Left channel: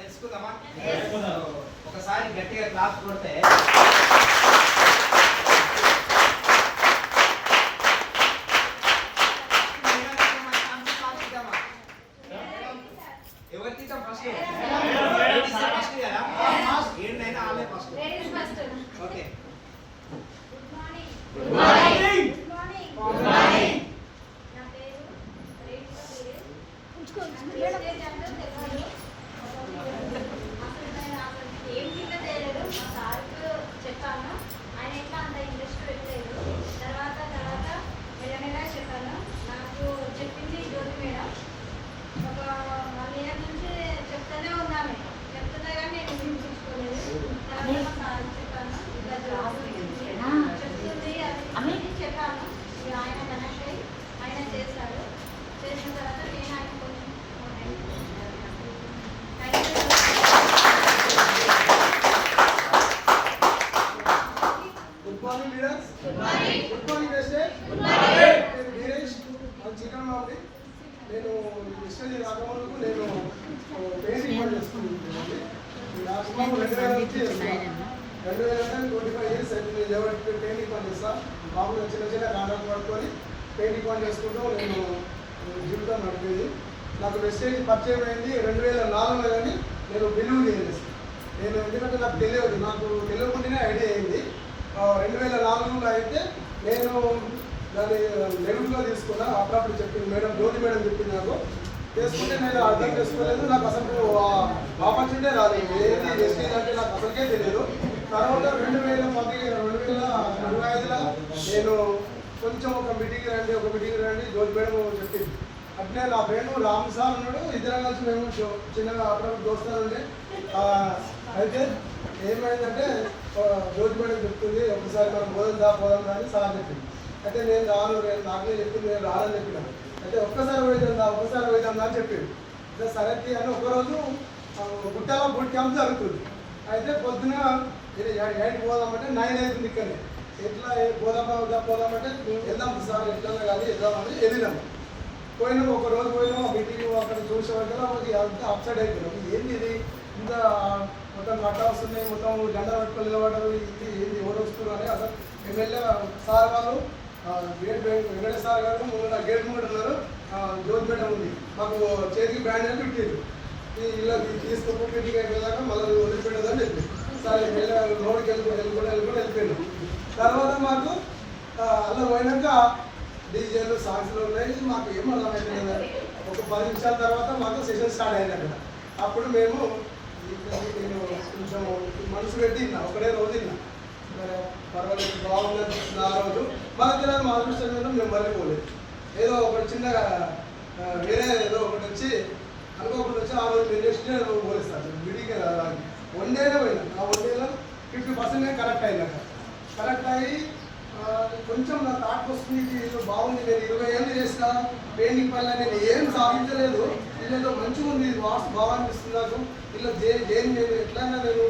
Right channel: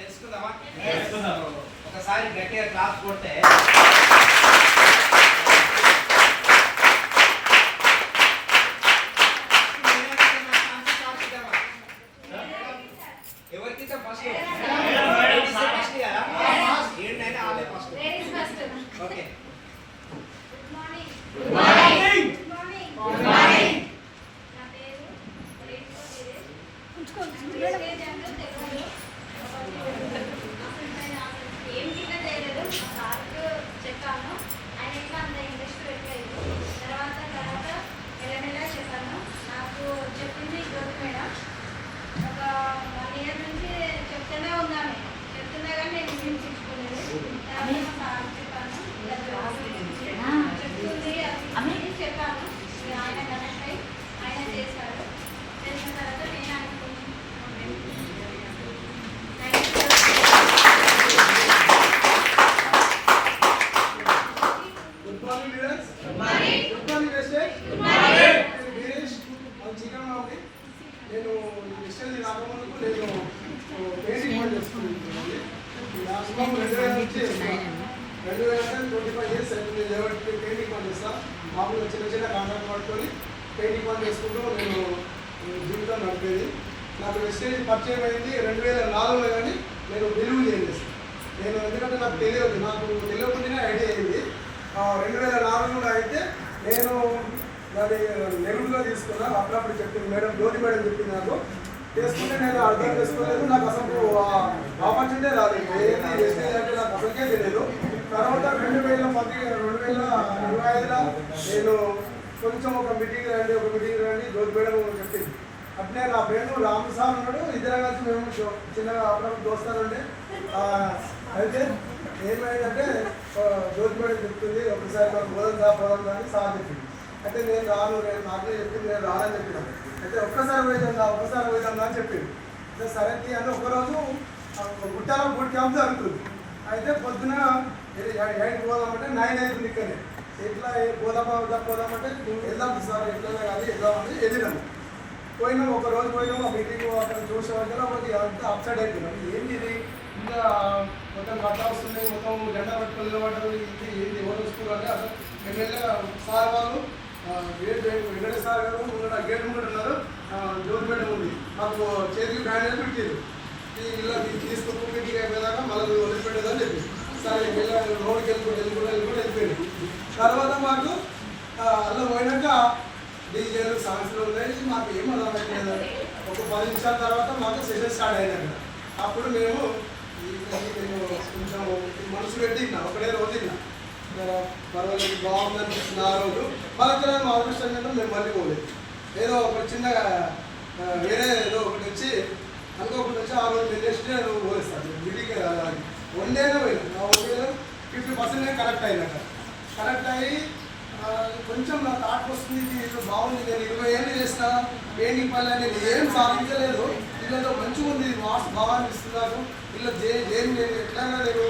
తెలుసుకుందామా? ఒకసారి గట్టిగా క్లాస్ కొడితే ఎవరికి ఫస్ట్ ఫస్ట్ కదా ఏంటైనా ఆమె first. Okay good morning. Good morning. నా పేరు ఏం కింద చేయలేదు. సార్కు చెప్పాను, ఆయన ఎట్లా అంత ఇంట్రెస్ట్ పెట్టలేదు. తర్వాత నెల చెప్పాను. నాకు చెప్పింది జ్యోతి మేడం. ఒక 1 year నుంచి చెప్తూనే ఉన్నాను, చెప్తున్నా కానీ నేను వినిపించుకోలేదు. తర్వాత సార్ చెప్పాను, చెప్తుంది అని చెప్పాను. ఆయన కనెక్ట్ అయ్యి ఆయన చేశారు. చేసిన తర్వాత నేను ఆయన కొంచెం good morning leaders. Good morning. Good morning wastage. Good morning. నేను వీరేష్ చికెన్ మామిడి. నేను వెస్టేజ్ రాకముందుకు నేను పెయింటింగ్ పని చేసుకుంటున్నాను. లాస్ట్ 25 years ఎవరికి పెయింటింగ్ పని చేస్తా. మామూలుగా చిన్న చిన్న కాంట్రాక్ట్ పట్టుకొని పెయింటింగ్ పని చేసుకుంటూ నేను జీవితం నడిపేది. నాకు వెస్టేజ్ పరిచయం అయింది 2004లో, కానీ నేను బిలీవ్ చేయలేదు. నేను ఎందుకంటే నాకు తెలియకుండానే ఐడియా అయింది. 2004లో అయితే నేను దాన్ని నెగిటివ్గా తీసుకున్నా. అప్పుడప్పుడు చెప్పింది మేడం, జ్యోతి మేడం చెప్పింది నాకు. చేసుకుంటే నేను అర్థం చేసుకోలేదు. నాకు అసలు ఆపర్చునిటీ రాలేదు. ఏది వెస్టేజ్ అంటే నాకు అసలుకే తెలియదు. తర్వాత 2025లో నేను కొంచెం ఒక మీటింగ్ రండి జ్యోతి మేడం చెప్పింది. అట్లే నా ఫ్రెండ్ రామ్ సార్ ఉన్నాడు. ఇద్దరు కలిసి మేము చిన్నగా అప్పుడప్పుడు దోస్తానండి. అయితే ఏమైందంటే జ్యోతి మేడం చెప్తుంది, ఒకసారి నాకు పోదాం కానీ సార్ చెప్పింది. అయితే నేను రాను, నాకే చెప్పింది, నేను రానని చెప్పినాను. అయితే ఒక్కసారి పోయిద్దా అని చెప్పింది. అయితే సరే అని ఒకరోజు గుట్టలో బూట్ క్యాంప్ జరుగుతుంది. అయితే పొద్దున 8 పోదామంటే 9 అవుతుంది. ఇక్కడనే ఎట్లా పోదామంటే వెళ్దాం సార్, ఎట్లా కానీ వెళ్దామని వెళ్ళినాము. పోయినాము, ఒక రోజు పోయినాము. ఆ మీటింగ్ అక్కడ చూసామంటే మనకి అంతా అప్సైడ్ అయిపోయినాం. ఏంది ఇది, ఇంకా మొత్తం కట్టా వస్తున్నాయి, మొత్తం జెండా పెట్టుకొని నిలబడ్డారు. ఇది ఏంది, ఎవరు వస్తున్నారు అని అసలు ఎమ్మెల్యే సార్ వాళ్ళు వెంకటేశ్వర సార్ గారు ముందు గేట్ ముందు ఉన్నారు. జ్యోతి మేడం ఉంది. మాకు చేతికి బ్యాండ్ అని పెట్టారు. ఇలా తీసుకు మీటింగ్ అయిపోయేదాకా మళ్ళీ వదిలిపెట్టేదని చెప్పి సార్ లోనికి వెళ్ళిపోయింది. తర్వాత మాకు అలా పోయినాక డీజేలు సాంగ్స్లో ఉన్నాయి. మాకు ఏం అర్థమైపోయింది. ఒక 10 నిమిషాల తర్వాత మాకు సెషన్ స్టార్ట్ అయినాక అప్పుడు నేను కొంచెం మనసు పెట్టి తిన్నా. ఒకటే రోజు తిన్నా, పర్వాలేదు బాగుందని ఆ రోజు. మళ్ళీ మా అదృష్టం మీద మేము మళ్ళీ పోలేదు. ఏదో ఒక చిన్నగా వేరే ఏదో ఒకటి వచ్చి అనుకోకుండా వచ్చి ఆ రోజు నెక్స్ట్ డే నువ్వు పోలేస్తాను విడిగా 1 డేలో పోయినా. ఆ 1 డేలో 50% నేను కరెక్ట్ అయినాక కరెక్ట్ అయ్యి కొంచెం నా థాట్ వస్తుంది, ఏదో బాగుంది. నేను 20 ఏళ్ళు చేసిన పెయింటింగ్ పని నేను ఏం సాధించలేదు. వీళ్ళతో మంచిగా ఉంది, వాట్స్ బాగా అనిపిస్తుంది నాకు. వీళ్ళ నేను ఎట్లయినా నేను